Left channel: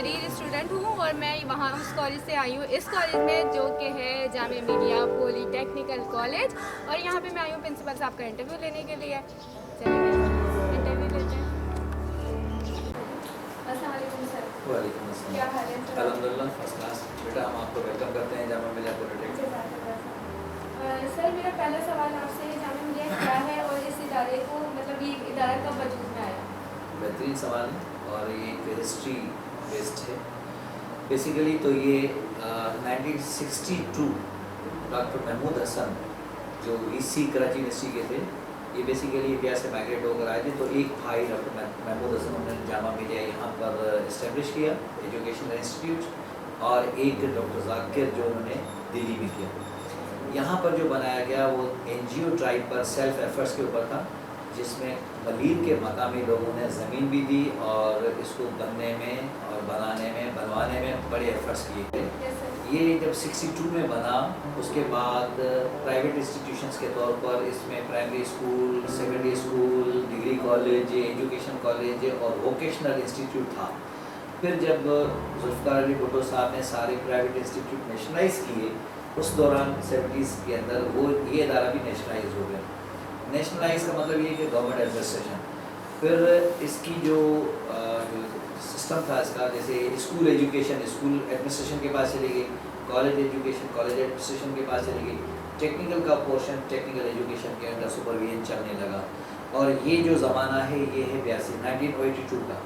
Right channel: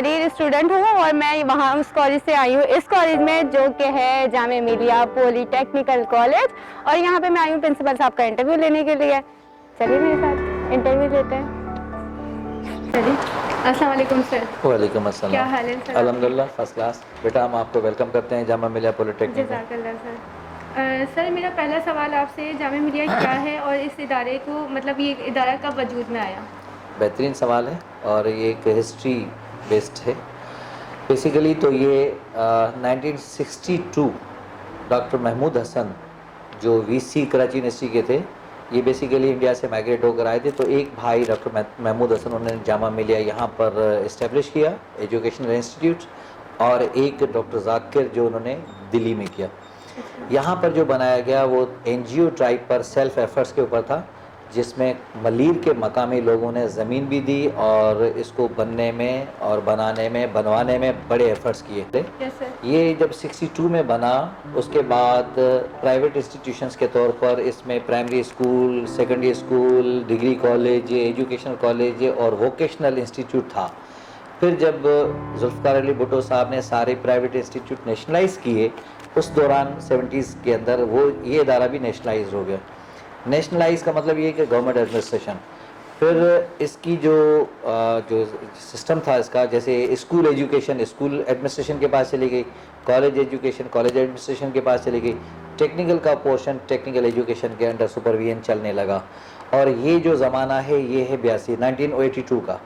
حریر student ہوں اور میں وہاں اس کالج سے آئی ہوں, اس کالج میں جو کہ ہے جامعہ ملیہ پولی ٹیکنیکل کالج, اور یہاں پہ میں آئی ہوں پرنسپل صاحب کا انٹرویو لینے کے لیے. چلیے میرے ساتھ انٹرویو لیتے ہیں. السلام علیکم سر. وعلیکم السلام. کیا حال ہے سر؟ الحمدللہ فرسٹ کلاس. بیٹا ہم آپ کو ویلکم کرتے ہیں جامعہ ملیہ پولی ٹیکنیکل. جزاک اللہ سر. سر میرا پہلا سوال آپ سے, جامعہ ملیہ کیا ہے اور اس ادارے کو مطلب یہ ادارہ کب وجود میں آیا؟ بہترین سوال ہے اور یہ ایک ہسٹری بیسڈ ہے. بیسیکلی تو یہ 1962 ڈاکٹر محمود حسن جو وی سی کراچی یونیورسٹی کے تھے, یہ بیسیکلی انڈیا سے مائگریٹ ہو کر آئے تھے. تو ایک بھائی ڈاکٹر محمود حسن انہوں نے جامعہ ملیہ یہاں پر اسٹیبلش کیا ایجوکیشنل انسٹیٹیوٹ, اور ایک ڈاکٹر ذاکر جو انہوں نے دلی میں کیا. یہاں پر جو بنایا گیا وہ این جی او ٹائپ پر سیلف ایفرٹس کے اوپر تھا, جس میں ملیر کے مقامی لوگوں نے زمین بھی دی اور اس کو بننے میں اور بنانے میں بنوانے میں بڑے ایفرٹس کیے تھے. یہ جب 62 میں بنا اس کے بعد پرائیویٹ انسٹیٹیوشنز کے طور پر اس میں primary school, secondary school, degree college, educational college اور ووکیشنل انسٹیٹیوٹ تھا. پھر جب ذوالفقار علی بھٹو صاحب نے سارے پرائیویٹ انسٹیٹیوٹ نیشنلائز کیے, اس دوران 70s کے اندر وہ یہ ادارہ بھی نیشنلائز ہو گیا. نیشنلائز کا مطلب یہ ہے کہ گورنمنٹ ایڈمنسٹریشن. پھر اس کی جو سسٹم تھا اس کا, جیسے اسکول ایجوکیشن اسکول ایڈمنسٹریشن کے پاس چلی گئی, کالج ایجوکیشن کالج ایڈمنسٹریشن کے پاس چلی گئی, ٹیکنیکل کا پورشن ٹیکنیکل ایجوکیشن کے انڈر سپرویژن چلنے لگا. اور یہ جو زمانہ ہے یہ ہے 1982 کا.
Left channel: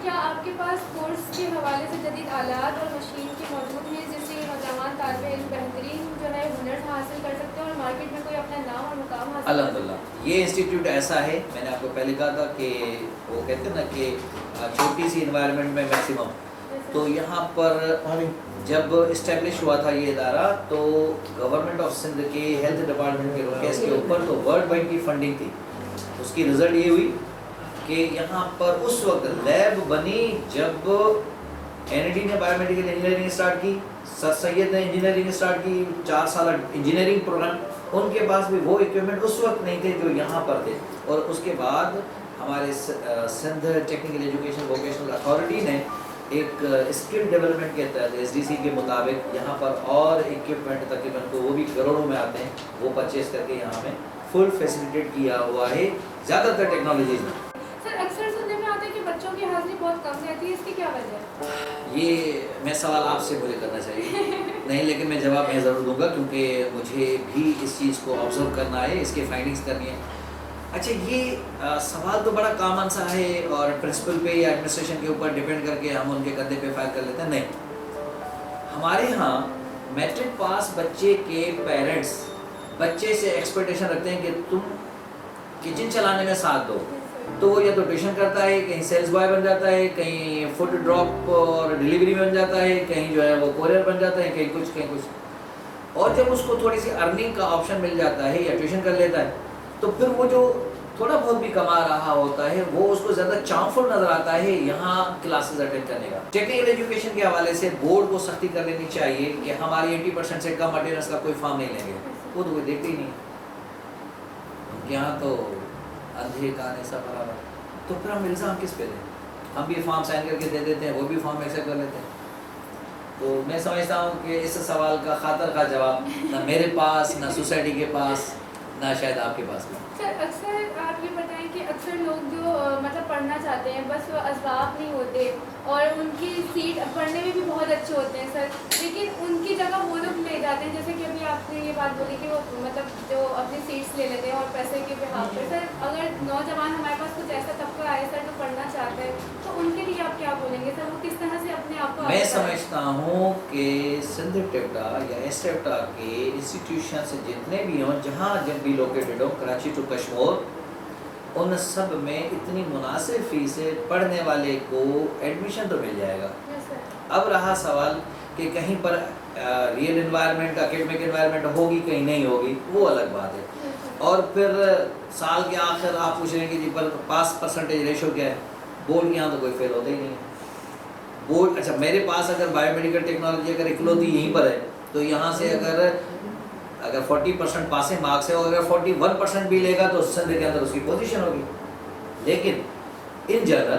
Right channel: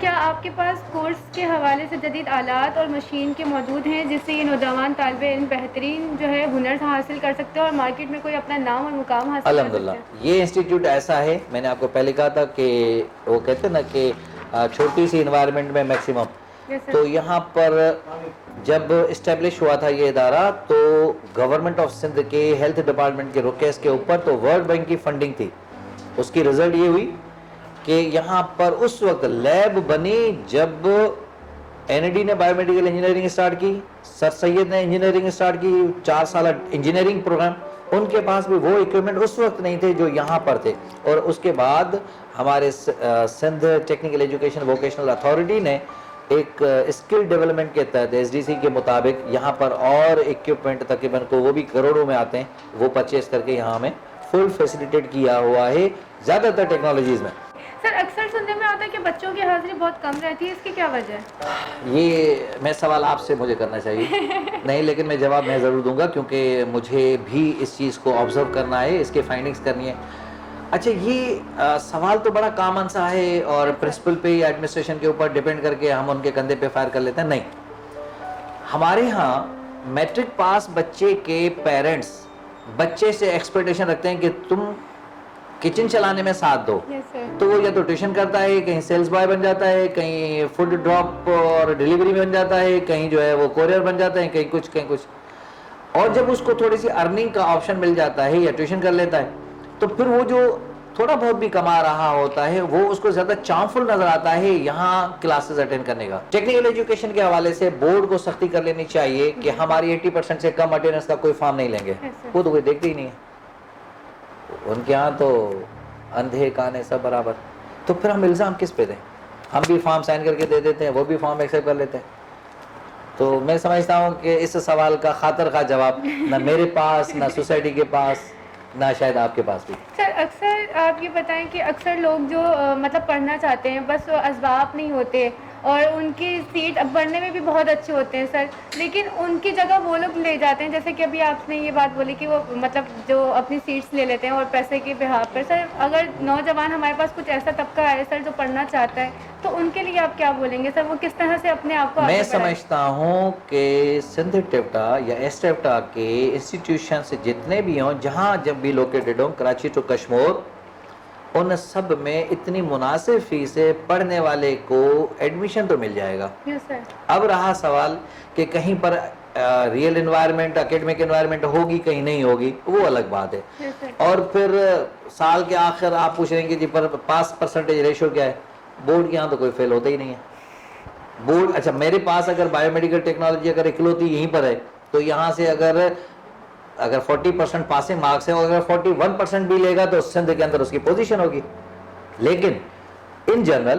کیا آپ کے پاس کورس کے حوالے سے جدید آلات اور مشین کے موجود ہیں جس سے یہ نوجوان طالب علم بہترین جو ہے ہنر حاصل کر سکتے ہیں اور مارکیٹ میں کوئی اپنا نام اور مقام حاصل کر سکتے ہیں؟ الحمدللہ یہ انسٹیٹیوٹ ایسا ہے, میں نے آپ کو پہلے کہا تھا کہ وہ کہتے ہیں نا کہ چھوٹی سی انوائرمنٹ میں میکسیمم. تو یہاں پر جب اسٹیبلش ہوا تھا یہ ادارہ تو گورنمنٹ آف سندھ کے ہیلتھ ڈپارٹمنٹ کے رکیز کے اوپر تو ورلڈ بینک کی فنڈنگ تھی. اس کی رزلٹ یہ ہوئی کہ یہاں پر اس وقت لیب بنی جب این ای ڈی نے بایو میڈیکل انجینئرنگ اسٹارٹ کی, سر سید نے انجینئرنگ اسٹارٹ کی, 4 سالہ انجینئرنگ پروگرام. ان کے پاس بھی وہ اکوپمنٹ اس وقت نہیں تھے جو یہاں پر تھے. اور اس کے بعد ہمارے Sindh technical education vocational authority نے ایک اسکل ڈیولپمنٹ کے تحت ایس ڈی سی کے مطابق یہاں پر اور اکوپمنٹ تقریباً کو وہ بھی کروڑوں میں آتے ہیں, وہ پرچیز کر کے یہاں ہمیں فل فیسیلیٹیٹ کیا ہوا ہے زیادہ تر ٹیکنالوجیز میں. سر اکثر سننے میں آتا ہے کہ بچوں کی حاضری بہت کم رہتی ہے, اس کی کیا وجہ ہے؟ یہ میں سوال آپ سے مجھے کرنا چاہیے نہیں, لیکن میں جواب میں ضرور دوں گا کیونکہ مجھے بھی اس چیز کو آبزرو کرنا ہے, اس کے فائنڈنگز کرنی ہے. اچھا یہ سوال تو بڑا کامن سا ہے اور پرنسپل پہ یا ایڈمنسٹریشن کے اوپر ڈیپینڈ کر کے ہم ان کے کندھے پہ فائر کر لیتے ہیں. نہیں, ہمارے ہاں میٹرک پاس بچے کے پیرنٹس بچے سے ایکسپیکٹیشن رکھتے ہیں کہ تم کچن چلانے میں ساتھ دو. تو یا تو ٹیوشن کرتا ہے, کہیں سیلز بوائے بن جاتا ہے, کہیں فوڈ ڈراپ اور ڈیلیوری میں بن جاتا ہے, کہیں جو ہے وہ کوریئر بن جاتا ہے, کہیں کچھ کہیں کچھ. اور جب اس کو تھوڑی سی ارننگ کا آپشن مل جاتا ہے یا ٹیوشن کر لیتا ہے تو پھر وہ جو تھوڑا بہت بھی کما رہا ہوتا ہے وہ اس کو زیادہ چارمفل نظر آتا ہے یہاں کلاسز اٹینڈ کرنے کا. ٹیکنیکل ایجوکیشن کے حوالے سے بورڈ کو سختی کر لینی چاہیے کہ ہماری 80% سے کم اٹینڈنس کا کوئی فارم نہیں لیں گے. وہ تو کوئی دیکھتے ہی نہیں, ان کے یہاں تو اندھے کانے سب برابر. تو پھر ہم الزام کس پہ دیں؟ ہم بھی فارم سائن کر کے دے دیتے ہیں, وہ بھی فارم ایکسیپٹ کر لیتے ہیں. تو میں سمجھتا ہوں کہ اس سوال کا خاطر خواہ جواب نہ میرے پاس, نہ سوسائٹی کے پاس, نہ شاید آپ کے پاس بھی. سر اکثر آپ یہ بتائیں کہ اکثر لوگ جو مطلب پڑھنا چاہتے ہیں بس وہ اسباب نہیں ہوتے اور ان کی سیٹ اب بڑھنے میں بھی بہت اچھے ہوتے ہیں سر, لیکن ان کی جگہ وہ لوگ لے جاتے ہیں, جیسے کہ ابھی آپ نے یہ بات بولی کہ وہ مطلب جو اپنی سیٹس لے لیتے ہیں اور پیسے کے بحاف پر. سر اگر نوجوان ہمارے پاس کچھ ایسا طبقہ ہے سر جو پڑھنا چاہتا ہے تو ان کے لیے آپ کیا بولیں گے سر, وہ کس طرح سے اپنے آپ کو؟ میں سمجھتا ہوں کہ سندھ ٹیپٹا یا ایس ٹیپٹا کے انسٹیٹیوشن جتنے بھی ہوں جہاں جب بھی لوکیٹڈ ہوں, کراچی ٹو کشمور, ان سب میں اتنی مناسب فیس ہے پڑھنے والے کو ایڈمیشن تو مل جائے گا. اب رہا سوال کہ کہیں پر ریئل انوائرمنٹ اکیڈمک انوائرمنٹ ہوگی کہیں نہیں ہوگی, وہ الگ بات ہے. اور پھر سال کے آخر آپ پوچھ رہے ہیں کہ جی پر پاس پرسنٹیج ریشو کیا ہے. بورڈ یہاں تو کوئی فیل ہوتا ہی نہیں ہے. بورڈ اچھا میرے پاس اگر بایو میڈیکل ٹیکنالوجی اگر اکلوتی یہیں پر ہے تو یہاں سے اگر 40% پاسنگ مارکس ہے اور اگر 41% بھی لے گا تو سندھ کے اندر اس کی پوزیشن ہوگی. لیکن ان جنرل